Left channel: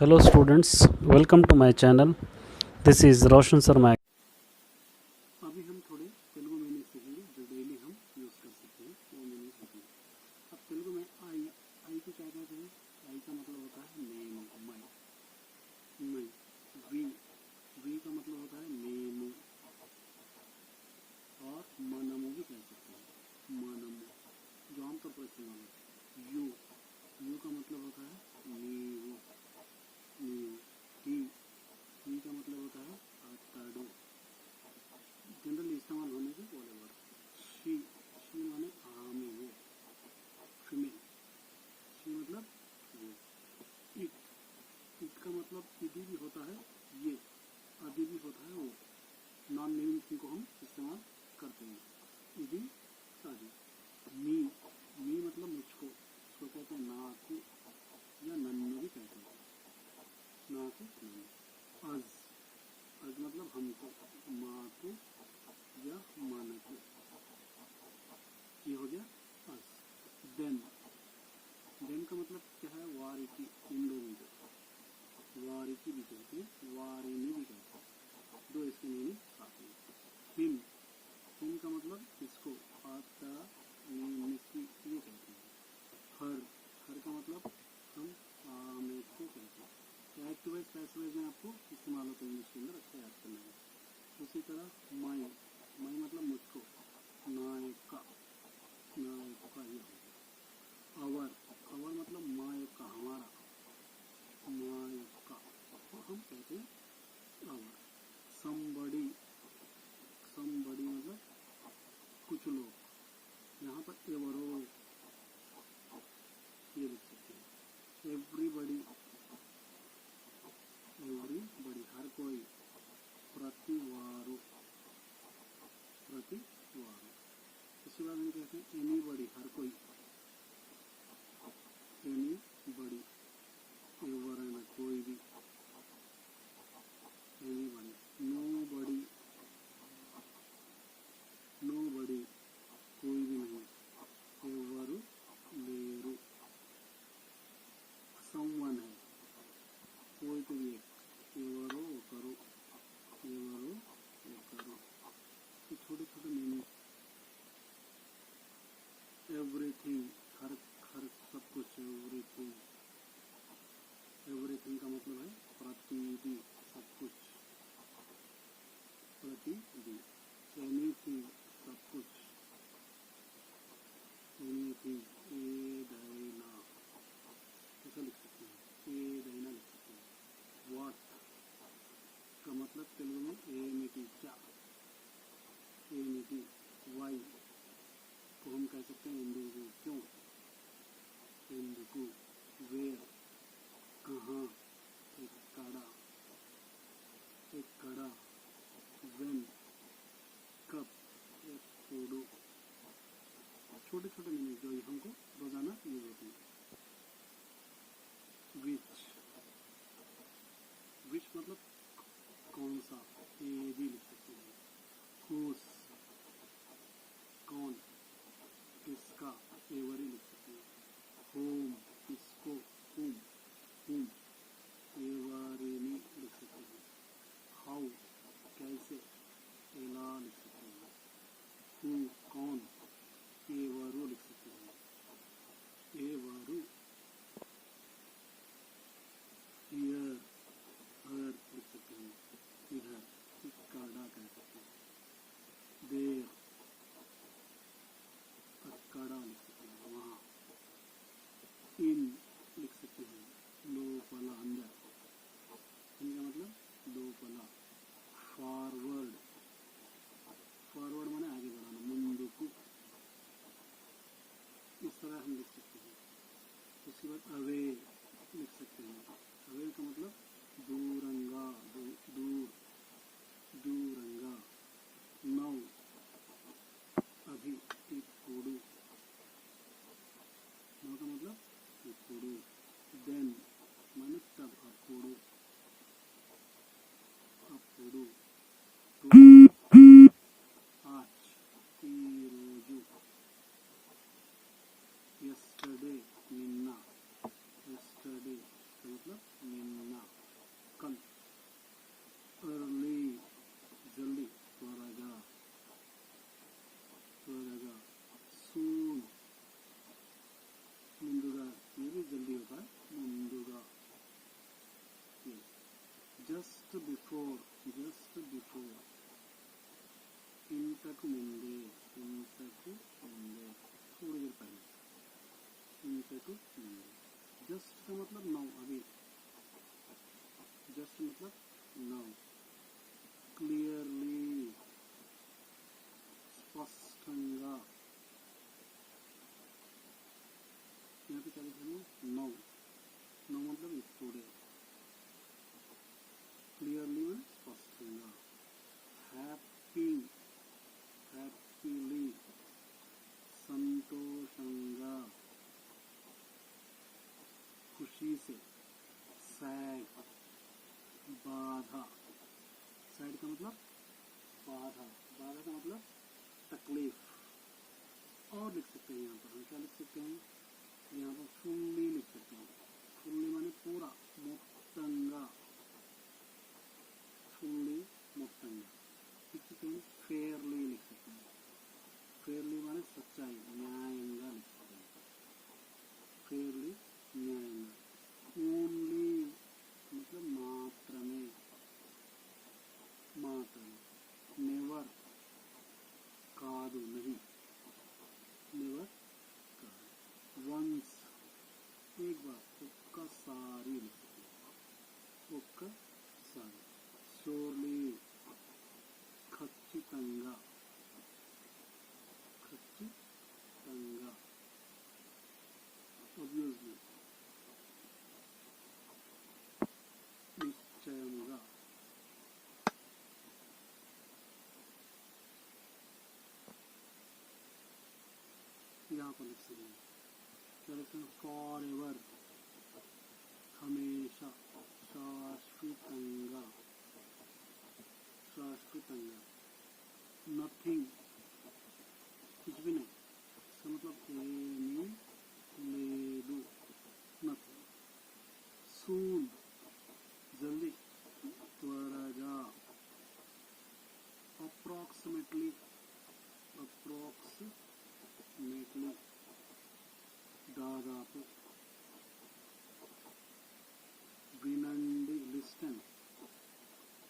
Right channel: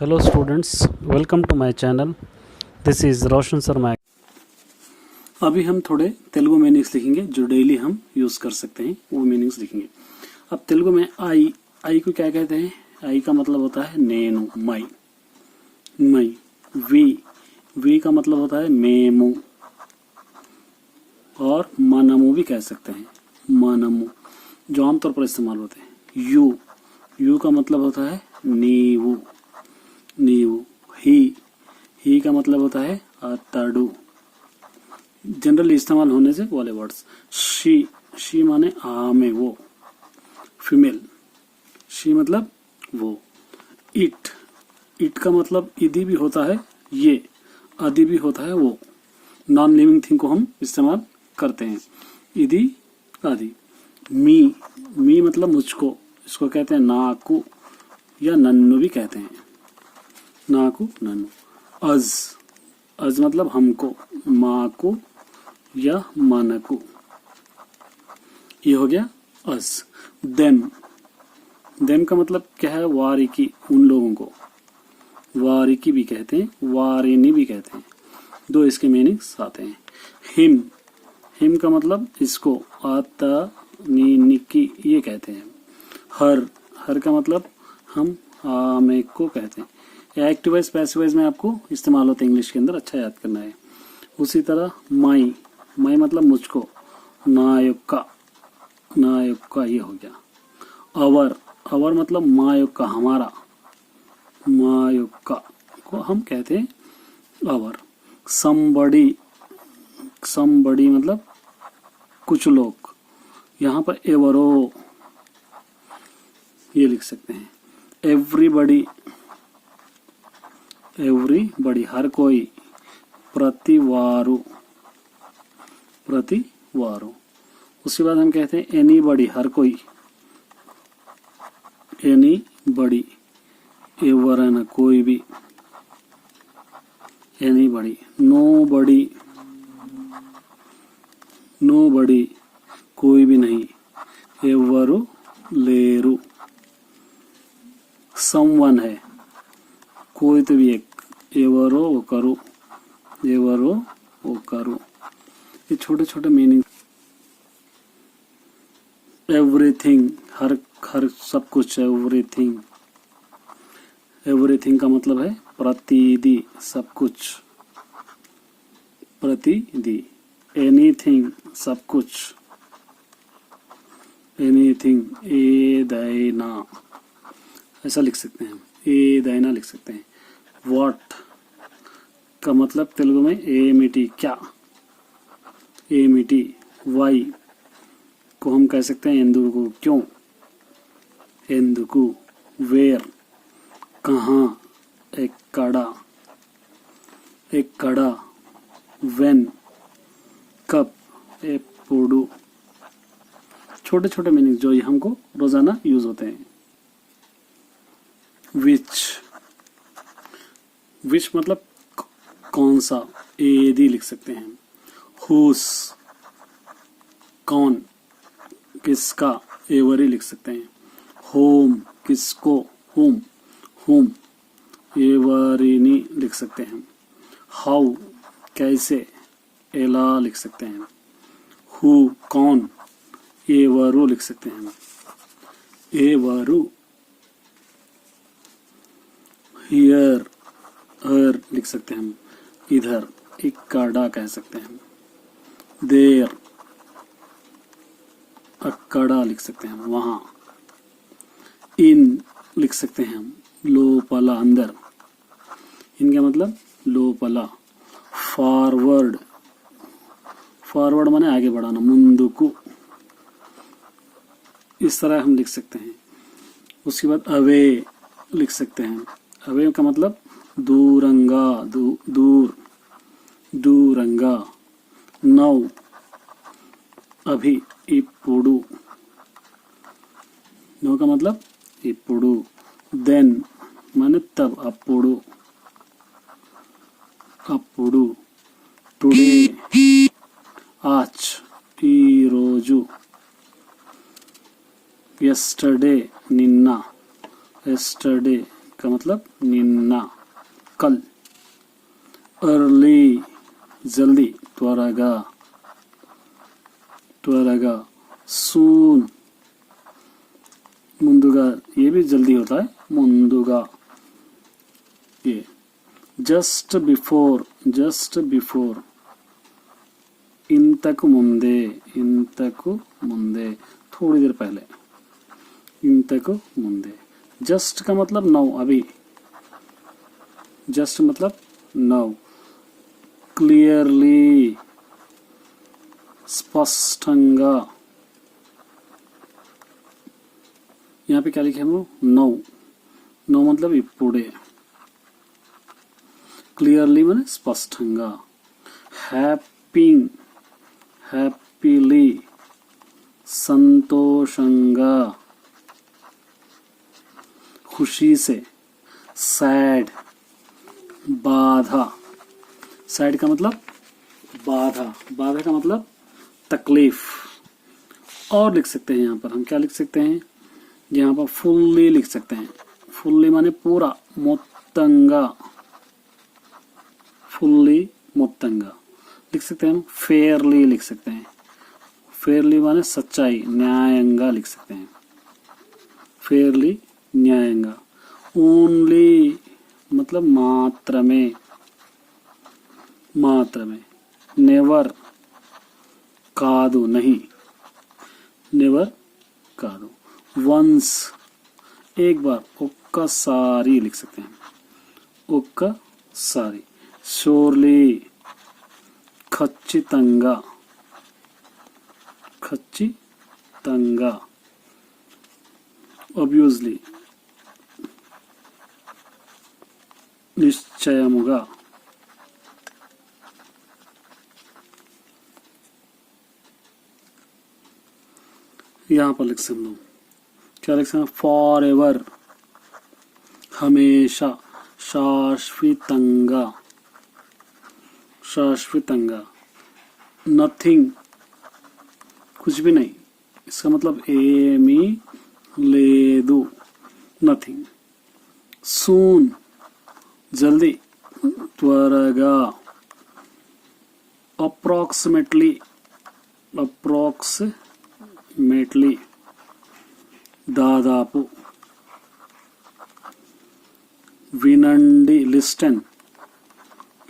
Hello students, welcome to my channel. This is Roshan Sharma. अभी हम थोड़े तेलुगु मीनिंग्स लिखेंगे जो डेली हम यूज़ कर सकते हैं, वो मीनिंग्स लिखेंगे। अब तेलुगु में आई को क्या कहते हैं? आई का मतलब होता है नेनु, मई। वी का मतलब होता है मेमू, और मनमू भी कह सकते हैं, मनमू, जो आमतौर पर इस्तेमाल होते हैं। यू का मतलब होता है नीवू। ही का मतलब होता है अतड़ू, जनरली इस्तेमाल होने से वाले वर्ड्स। शी माने आमे, वो फीमेल। शी मतलब वो। इट का मतलब इदी भी होता है, ये आदि भी होता है, वो नॉन लिविंग थिंग को हम इस्तेमाल करते हैं, इदी आदि। मी मतलब मुझको, इसको कहते हैं नाकू या नन्नू भी कहते हैं, नाकू नन्नू। अज मतलब हमको, माकू या मानकू, ये हो गया अज। देम का मतलब क्या है? वारिकी, उन लोगों को वारिकी भी कहते हैं, वारिनी भी कहते हैं, दो इसके मीनिंग्स आते हैं। हिम का मतलब इसको, आता निकी ये कहते हैं। हर का मतलब हम आमे को कहते हैं। एक्टिव वाइज पैसिव वाइज में आपको इस्तेमाल होता है इंग्लिश के अंदर, अच्छा याद करना है। उसी तरह माई मतलब मुझको, नायुक्का ये हो गया। अवर मतलब मायुक्का, हमारा, मायुक्का को हम कहते हैं अवर। समबडी मतलब कुछ लोग, यहाँ पर एवरो ये लिख सकते हैं। एवरीबडी हर कोई। प्रतिवारू उसके बाद हम कहते हैं एनीबडी, हर कोई, एनीबडी, एवरन कोई भी, एनीबडी। नोबडी कोई भी नहीं, एवरू लेरू। समवन है, कोई तो भी एक, एवरो ओकरू। ये छोटे छोटे मीनिंग। एवरीथिंग हर सब कुछ, एवरीथिंग का मतलब है प्रतिदि, सब कुछ, प्रतिदि। एनीथिंग सब कुछ, एनीथिंग। ए दैना ऐसा लिख सकते हैं, ए दैना लिख सकते हैं। व्हाट का मतलब तेलुगु में एमिटी, क्या, एमिटी। वाई को हम कह सकते हैं एंदुकू, क्यों, एंदुकू। वेयर कहाँ, एक कड़ा। वेन कब, एपुडू। छोटे छोटे मीनिंग जो ये हमको रोजाना यूज होते हैं। विच मतलब कौन सा, एदी लिख सकते हैं। हुस कौन, किसका, एवरी लिख सकते हैं। होम किसको, होम एवरीनी लिख सकते हैं। हाउ कैसे, एला लिख सकते हैं। हु कौन, एवरू लिख सकते हैं, एवरू। हियर हर लिख सकते हैं हम, इधर। इक्काडा कह सकते हैं। देर अक्काडा लिख सकते हैं, वहां। इन लिख सकते हैं हम, लोपला अंदर, इनका मतलब लोपला। फॉरवर्ड माने आगे बढ़ाना, मुंदुकु, इस तरह हम लिख सकते हैं। उसके बाद अवे लिख सकते हैं। अवे का मतलब दूरंगा, दूरंगा। नौ अभी, इपुडू, नौ का मतलब इपुडू। देन माने तब, अपुडू। टुडे आज, ई रोजू। yesterday निन्ना, yesterday का मतलब निन्ना, कल। अर्ली जल्दी, त्वरगा त्वरगा। सून मुंदुगा, ये भी जल्दी होता है, मुंदुगा। ये जस्ट बिफोर, जस्ट बिफोर। इंतकु मुंदे, इंतकु मुंदे, थोड़ी देर पहले, इंतकु मुंदे। जस्ट का मतलब नौ, अभी। जस्ट मतलब नौ। क्लियरली, स्पष्टंगा। यहाँ पे क्या लिखे हम लोग? नौ। नौ मतलब इప్పుడే। क्लियरली माने स्पष्टंगा। हैप्पिंग, हैप्पीली, संतोषंगा, खुशी से। सैड, बाधा। सैड का मतलब बाधा, बाधा का मतलब तकलीफ। और लिख सकते हैं यहाँ पर हम, क्या लिख सकते हैं? यहाँ पर फुल्ली लिख सकते हैं। फुल्ली माने पूरा, मोत्तंगा, फुल्ली मोत्तंगा। लिख सकते हैं हम फेयरली, लिख सकते हैं। फेयरली माने सच्चाई, न्यायंगा लिख सकते हैं। फेयरली, न्यायंगा। ओनली मतलब मात्र में, मात्र में। नेवर कादू, नहीं, नेवर कादू। वंस एक बार, ओक्का सारी लिख सकते हैं, ओक्का सारी। श्योरली खच्चितंगा, खच्चितंगा। ऑब्वियसली निश्चयमुगा। यहाँ पर लिख सकते हैं, क्या लिख सकते हैं? फॉर एवर, हमेशा, शाश्वतंगा, शाश्वतंगा। नथिंग कुछ भी नहीं, इसका मतलब एमी लेदू, नथिंग। सून जल्दी, त्वरगा। अप्रोक्सीमेटली, अप्रोक्सीमेटली, दादापू। विनंडी, लिस्टन,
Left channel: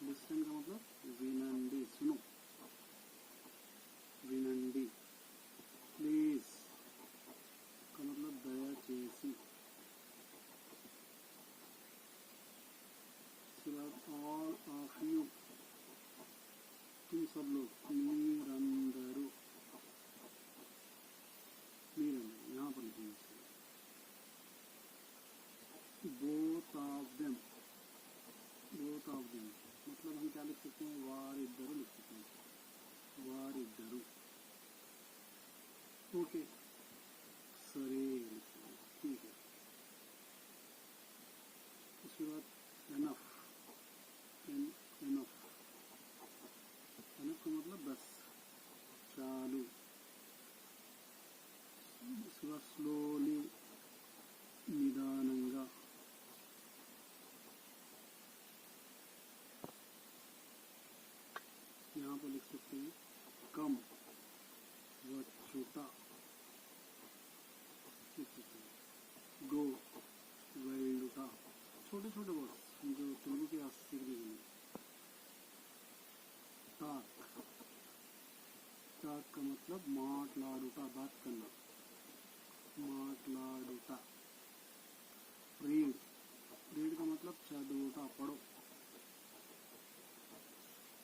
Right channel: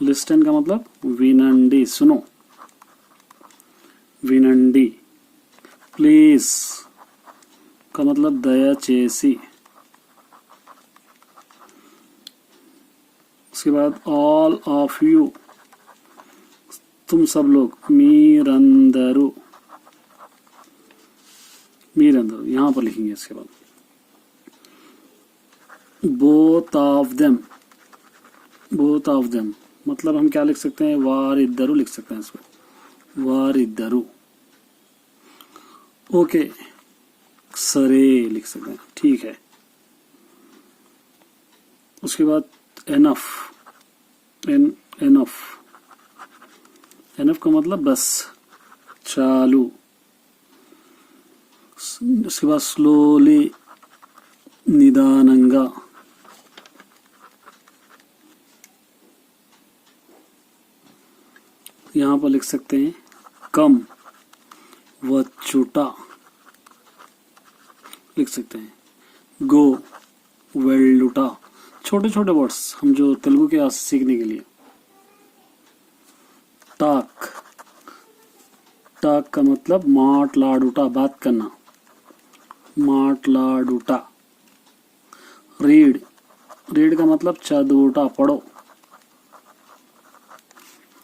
लिस्टन का मतलब विनंडी, सुनो, विनंडी। प्लीज का मतलब दयाचेसी। उसके बाद ऑल ऑफ यू, तुम सब लोग। मीरंदरू, मीरंदरू यहाँ पर लिखेंगे। इसके बाद both of them, both of them मतलब हम क्या लिख सकते हैं? वारिद्दरू लिख सकते हैं इसको, वारिद्दरू। ओके, सरे लिख सकते हैं, ठीक है। उसके बाद एनफ, एनफ, एनफ का मतलब बस, चालू। उसके बाद स्लोली, निदानंगा। यहाँ पर लिख सकते हैं कम, वचुटा लिख सकते हैं। गो, वेल्लुटा। छोटे छोटे वर्ड्स हम जो तेलुगु के सीखने के लिए। टाक, टाक का मतलब माटलाडुटा, बात करना, माटलाडुटा। रीड, रीड का मतलब चदवुटा, पढ़ो,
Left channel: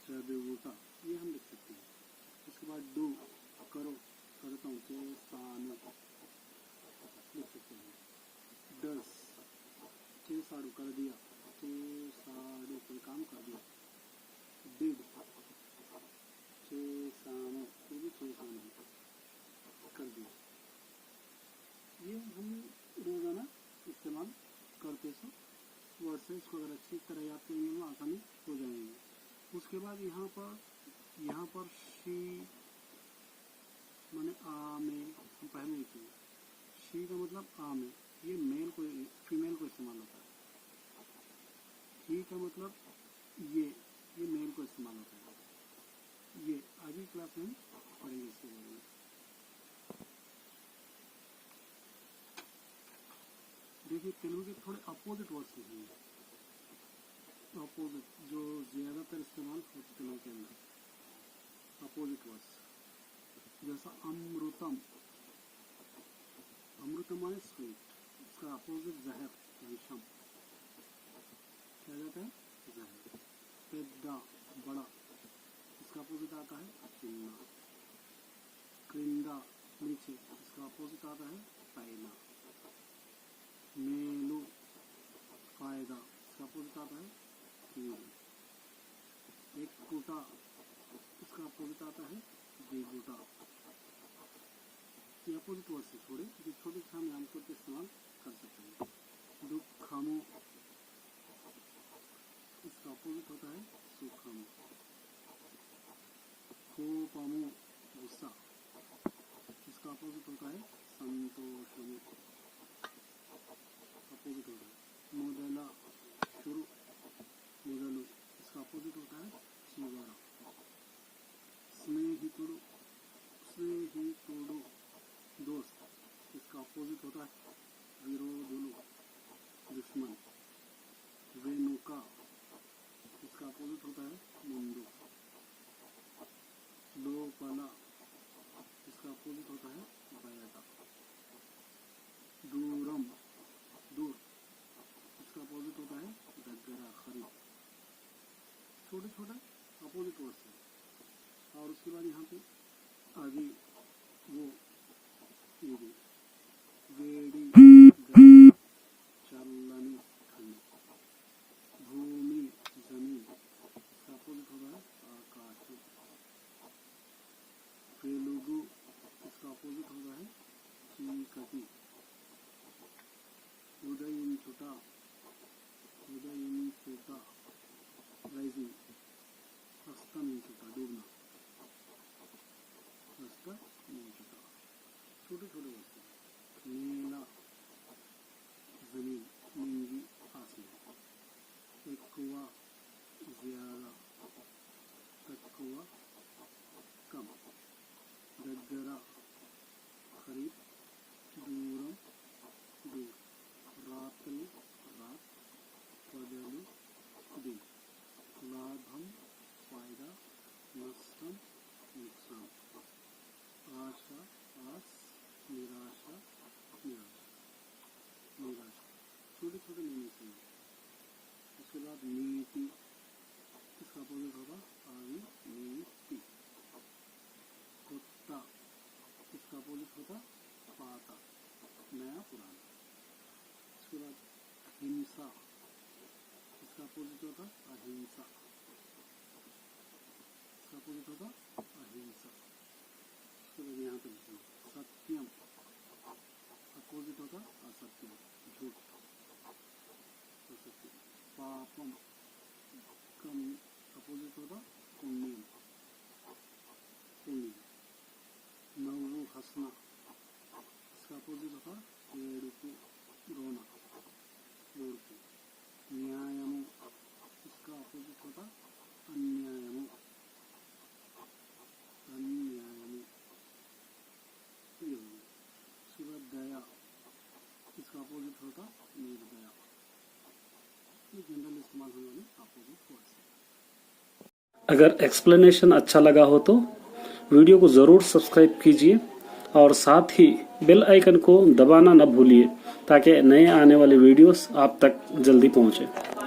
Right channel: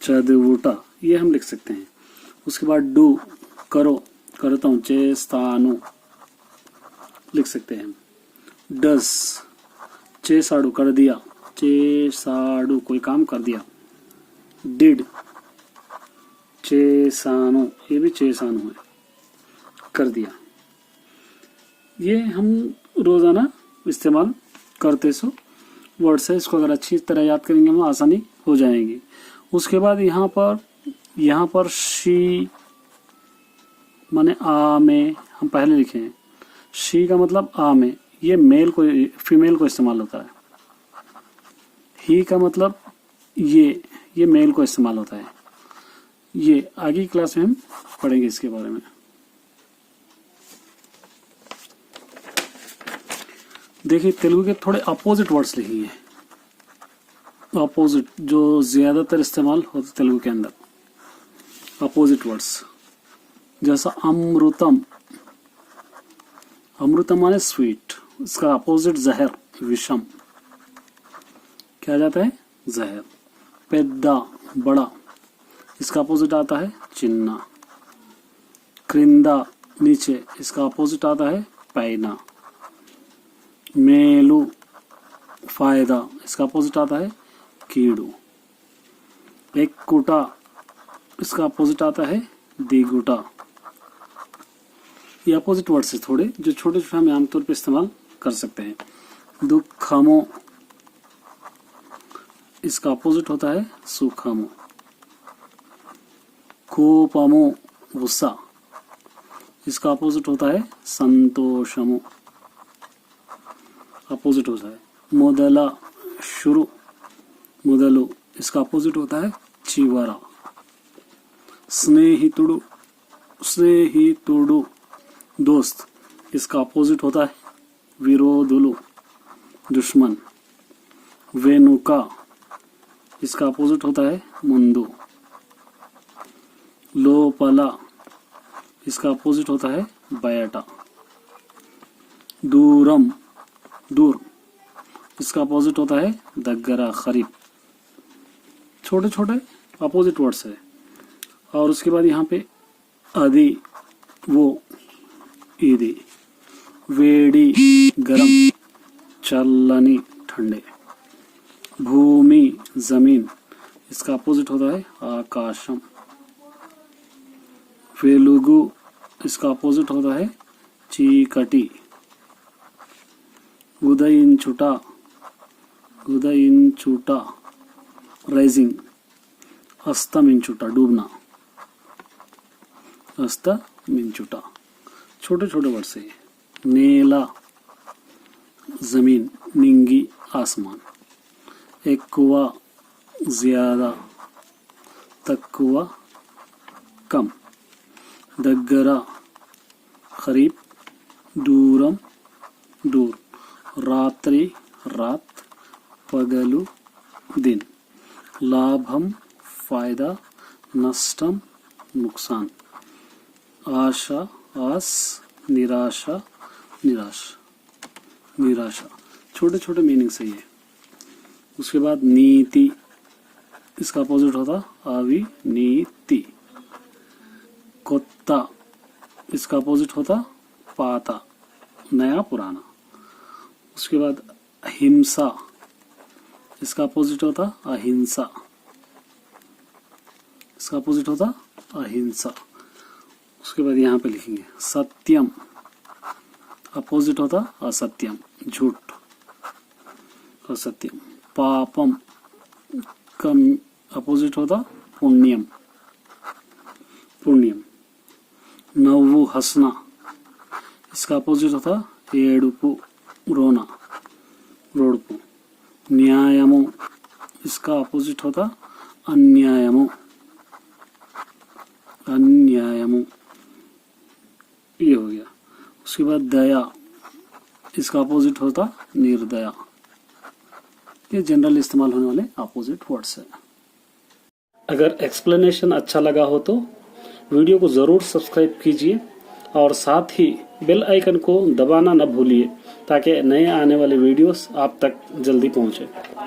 चदवुटा। ये हम लिख सकते हैं। उसके बाद डू, करो, करता हूँ, चेस्तानु लिख सकते हैं। डस, चेसाडू, कर दिया, चेसाडू, कोई काम कर दिया। डिड, चेसानो, ये भी चेसानो है, कर दिया। ये हम रोजाना इस्तेमाल करते सो वर्ड्स है। इसको अगर अच्छी तरह याद करेंगे हम, आसानी हो जाएगी। उसके बाद यहाँ पर शी माने आ में हम पहले लिखे हैं। शी का मतलब आ में, ये मेल को, फीमेल को इस्तेमाल होता है। ही का मतलब ये मेल को इस्तेमाल होता है। ये आगे की क्लास में हम पढ़ेंगे इसके बारे में। देखिए तेलुगु के थोड़े अपोजिट वर्ड्स लिखेंगे, अपोजिट जो ज्यादातर इस्तेमाल होते तेलुगु के अंदर, अपोजिट वर्ड्स। जैसा अमृतम, अमृतम माने स्वीट, इसका अपोजिट जहर, विषम। क्या आ जाता है? जहर। पेद्दा, बड़ा, इसका अपोजिट आता है चिन्ना। क्रिंदा, नीचे, इसका अपोजिट आता है पैना। मेलू, फायदा, इसका अपोजिट आता है कीड़ू। एक्कुटा, इसका अपोजिट आता है दिगुटा। ये अपोजिट वर्ड्स है थोड़े, जो छोटे छोटे हम आमतौर पे इस्तेमाल कर सकते हैं। दुखमो, इसका अपोजिट होता है सुखमो। कोपमो, गुस्सा, इसका अपोजिट होता है संतोषमो, अपोजिट होता है। मोदला, शुरू, मोदलु, इसका अपोजिट होता है चिवरा। स्नेहितुडु, स्नेहितुडु, दोस्त, इसका अपोजिट होता है विरोधुलु, दुश्मन। वेनुका, इसका अपोजिट होता है मुंदु। लोपला, इसका अपोजिट होता है बयटा। दूरम, दूर, इसका अपोजिट होता है दग्गरा, करीब। छोटे छोटे अपोजिट वर्ड्स है। और उसके बाद यहाँ पे अदि, वो, ईदी। वेडी, गरम, चल्लनी, ठंडे। भूमि, जमीन, इसका अपोजिट होता है आकाशम। वेलुगु, इसका अपोजिट होता है चीकटी। उदयिंचुटा, उदयिंचुटा, राइजिंग। अस्तमिंचुटा, डूबना, अस्तमिंचुटा। छोटे छोटे वर्ड से। नेला, जमीन, निंगी, आसमान। एक्कुवा, ज्यादा, तक्कुवा, कम। दग्गरा, करीब, दूरम, दूर। रात्रि, रात, पगलु, दिन। लाभम, फायदा, नष्टम, नुकसान। आशा, आस, निराशा, निराश, निराशा। छोटे छोटे मीनिंग से ये। उसके बाद नीति, इसका अपोजिट होता अविनीति। कोत्ता, इसका अपोजिट होता पाता, नया पुराना। उसके बाद हिंसा, इसका अपोजिट होता अहिंसा, इसका अपोजिट होता अहिंसा। उसके बाद यहाँ पे लिखेंगे सत्यम, अपोजिट होता असत्यम, झूठ, असत्यम। पापम, कम, अपोजिट होता पुण्यम, पुण्यम। नव्वु, हंसना, इसका अपोजिट होता ఏడుపు, रोना, रोडपु। न्यायमु, इसका अपोजिट होता अन्यायमु, अन्यायमु। ये हो गया। उसके बाद दया, इसका अपोजिट होता निर्दया। ये जनरल इस्तेमाल होने वाले अपोजिट वर्ड्स है। अगर एक्सप्लेनेशन अच्छा लगा हो तो वीडियो को जरूर सब्सक्राइब कीजिए और साथ ही बेल आइकन को दबाना न भूलिए ताकि नए आने वाले वीडियोस आप तक जल्दी पहुंचे।